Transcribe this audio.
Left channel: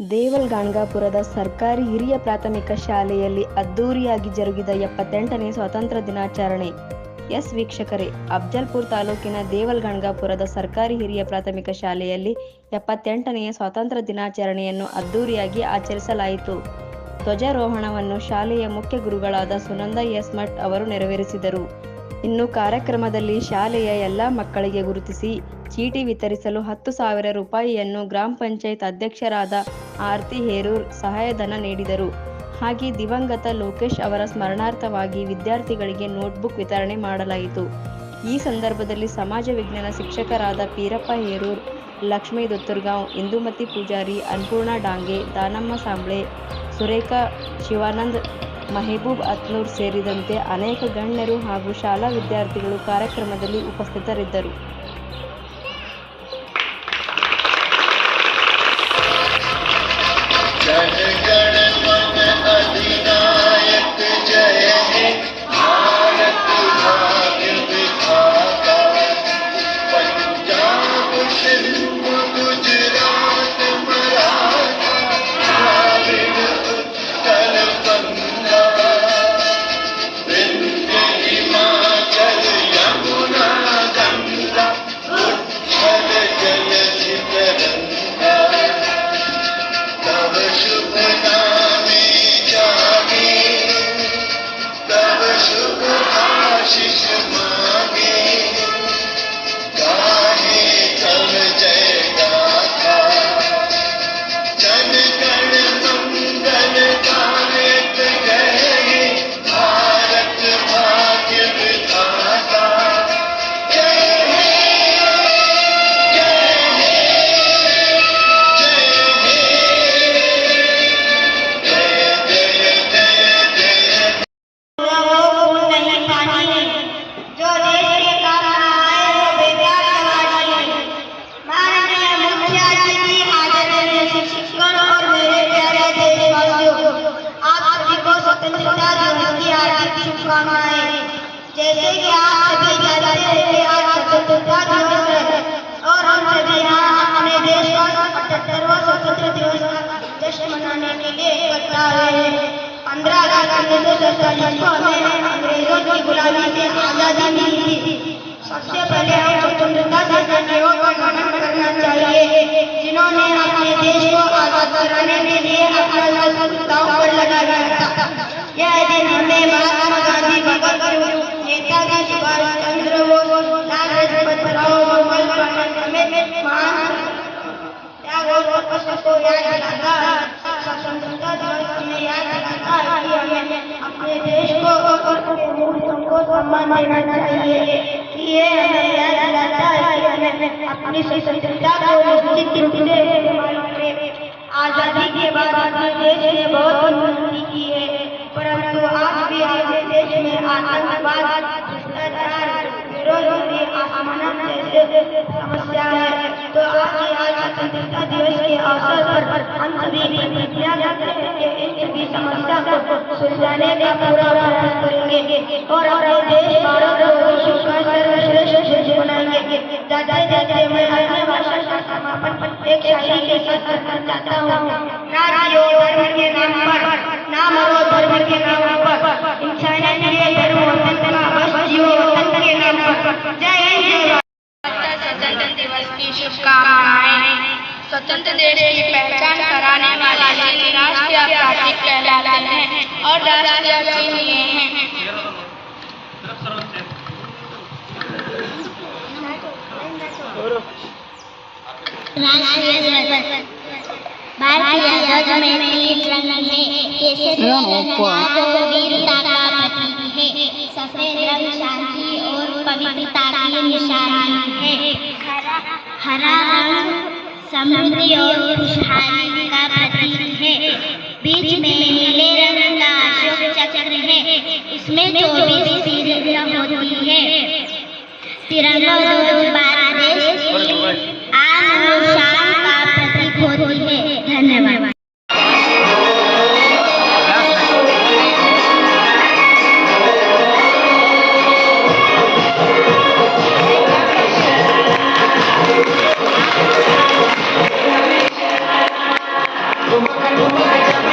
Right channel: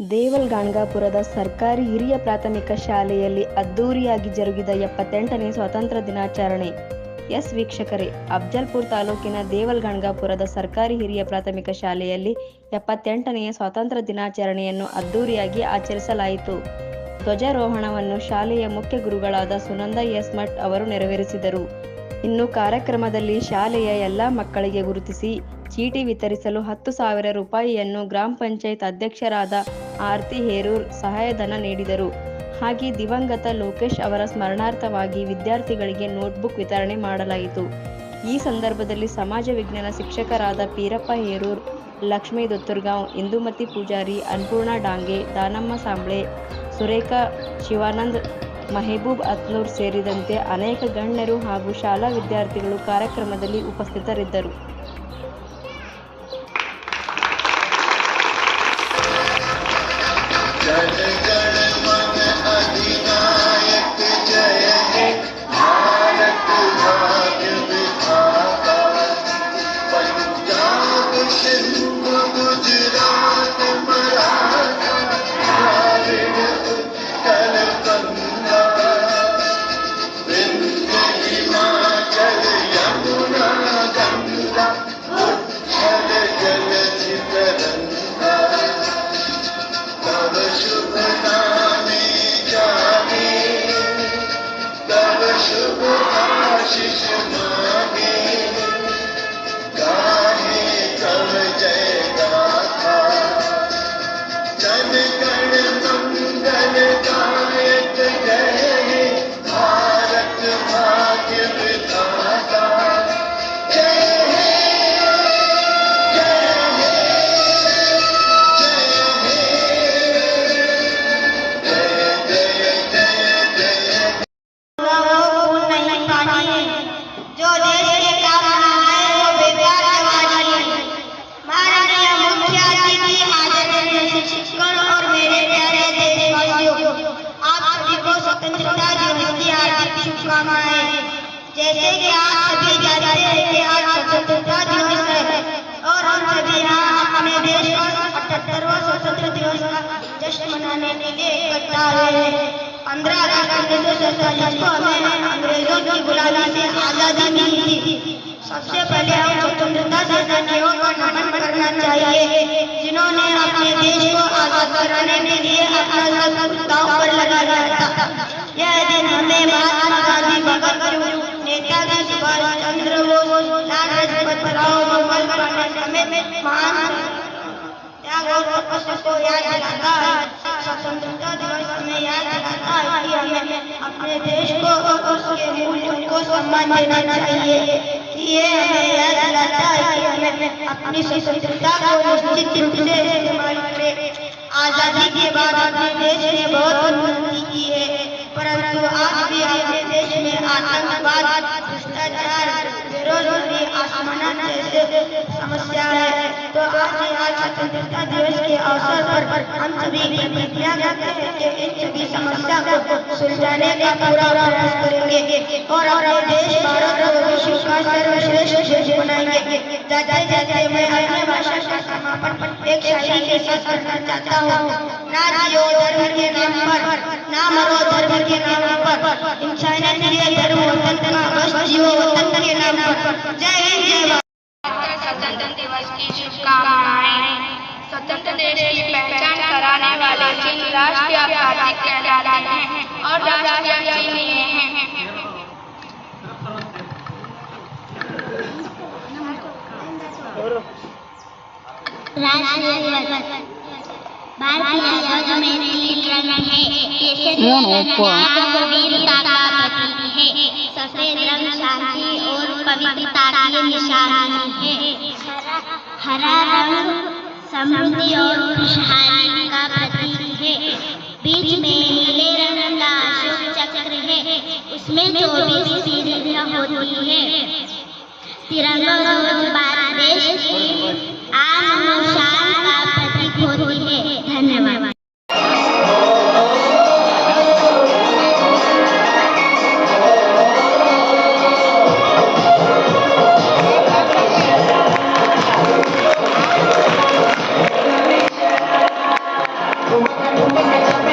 ದೇವಲಗಾಣಗಾಪುರದ ಸರ್ಕಾರಿ ಹಿರಿಯ ಪ್ರಾಥಮಿಕ ಶಾಲೆಯಲ್ಲಿ ಅದ್ದೂರಿಯಾಗಿ ಜರುಗಿದ 78ನೇ ಸ್ವಾತಂತ್ರ್ಯ ದಿನಾಚರಣೆ. ಎಸ್ ವೀಕ್ಷಕರೇ, ಅಫ್ಜಲ್ಪುರ ತಾಲೂಕಿನ ದೇವಲಗಾಣಗಾಪುರದ ಸರ್ಕಾರಿ ಹಿರಿಯ ಪ್ರಾಥಮಿಕ ಶಾಲೆಯಲ್ಲಿ 78ನೆಯ ಸ್ವಾತಂತ್ರ್ಯ ದಿನಾಚರಣೆಯನ್ನು ಅದ್ದೂರಿಯಾಗಿ ಆಚರಿಸಲಾಯಿತು. ಧ್ವಜಾರೋಹಣವನ್ನು ಶಾಲೆಯ ಮುಖ್ಯ ಗುರುಗಳಾದ ಸುನಂದ ಎಸ್ ಮಠ್ ಅವರು ನೆರವೇರಿಸಿದರು. ಇನ್ನು ಕಾರ್ಯಕ್ರಮದಲ್ಲಿ ಶಾಲೆಯ ಎಲ್ಲ ಮಕ್ಕಳಿಗೆ ಗುರುತಿಸಿ ಚೀಟಿ ವಿತರಿಸಲು 10,000 ರೂಪಾಯಿಯನ್ನು ಗ್ರಾಮ ಪಂಚಾಯತ್ ಅಧ್ಯಕ್ಷರಾದ ಆರತಿ ಹೇರೂರ್ ಸಹಾಯಧನ ನೀಡಿದರು. ಹಾಗೆ ದಿವಂಗತ ಲೋಕೇಶ್ ಅವರ ಸ್ಮರಣಾರ್ಥವಾಗಿ ವಿದ್ಯಾರ್ಥಿಗಳಿಗೆ ನೋಟ್ಬುಕ್ ವಿತರಣೆ ಮಾಡಲಾಯಿತು. ಈ ಸಂದರ್ಭದಲ್ಲಿ ಸಮಾಜ ವಿಜ್ಞಾನ ಶಿಕ್ಷಕರಾದ ಪೀರಪ್ಪ ಹೇರೂರ್, ಲಕ್ಷ್ಮೀ ದೊತ್ತರ್ಗಾಂವ್, ಇಂದುಮತಿ ಪೂಜಾರಿ, ಅನ್ನಪೂರ್ಣ ಡಾಂಗೆ, ದಾನಮ್ಮ ಸಾಂಬ್ಳೆ, ಸುರೇಖಾ ಶಿವಾನಂದ್, ಮೆಹಬೂಬ್ ಅತ್ನೂರ್ ಸೇರಿದಂತೆ ಅನೇಕ ಗಣ್ಯರು ಹಾಗೂ ಶಾಲಾ ವಿದ್ಯಾರ್ಥಿಗಳು ಕಾರ್ಯಕ್ರಮದಲ್ಲಿ ಉಪಸ್ಥಿತರಿದ್ದರು. जैसे कि आप सभी जानते हैं कि आज स्वतंत्रता दिवस है और हम सभी यहाँ अपने देश का 78वां स्वतंत्रता दिवस का जश्न मनाने के लिए इकट्ठा हुए हैं। 15 अगस्त 1947 को हमें अंग्रेजों की गुलामी से आज़ादी मिली थी। सबसे पहले हम स्वतंत्रता सेनानियों को नमन करना चाहिए, जिन्होंने अपने देश को आज़ाद कराने के लिए अपना सब दांव पर लगाया था। यह दिन हमें महात्मा गांधी, भगत सिंह, नेताजी सुभाष चंद्र बोस, लाला लाजपत राय, मोहन बाबू समेत महान त्याग और तपस्या को याद दिलाता है। स्वतंत्रता दिवस हमें याद दिलाता है कि हमें अपने देश को और उसके मूल्यों को सम्मान देना चाहिए। ये हमें याद दिलाता है कि हमें अपनी स्वतंत्रता को निश्चित रूप से इस्तेमाल करें। आजादी के बाद अपने देश ने बहुत उन्नति की है, परंतु आज भी अपने देश में आतंकवाद, भ्रष्टाचार, बेरोजगारी, असमानता जैसे समस्या है। तो आज स्वतंत्रता दिवस के अवसर पर हम सभी प्रतिज्ञा करते हैं कि इन सभी समस्या को सुलझाने का पूरा प्रयास करेंगे और अपने देश भारत को विश्व का सर्वश्रेष्ठ देश बनाएंगे। जाते जाते मैं अपनी भाषा का समापन एक शायरी के साथ करना चाहता हूँ। ना जियो धर्म के नाम पर, ना मरो धर्म के नाम पर, इंसानियत के धर्म वतन का बस जियो वतन के नाम पर। जय हिंद, जय भारत। स्वतंत्रता दिवस की शुभकामनाएं। स्वतंत्र देश की पहचान कराने वाले चिन्ह राष्ट्रीय प्रतीक कहलाते हैं और राष्ट्रीय चिन्ह ये हैं। राष्ट्रीय भारतीय ध्वज में नीले रंग है, केसरी रंग वीरता का प्रतीक है, सफेद रंग शांति और पवित्रता की निशानी है, हरा रंग समृद्धि और खुशहाली का प्रतीक है, बीच में नीले रंग का अशोक चक्र है, इसमें 24 सीढ़ियां होती है। तिरंगा ध्वज भारत देश की आन और शान का प्रतीक होती है। धन्यवाद। घुमा घुमा जब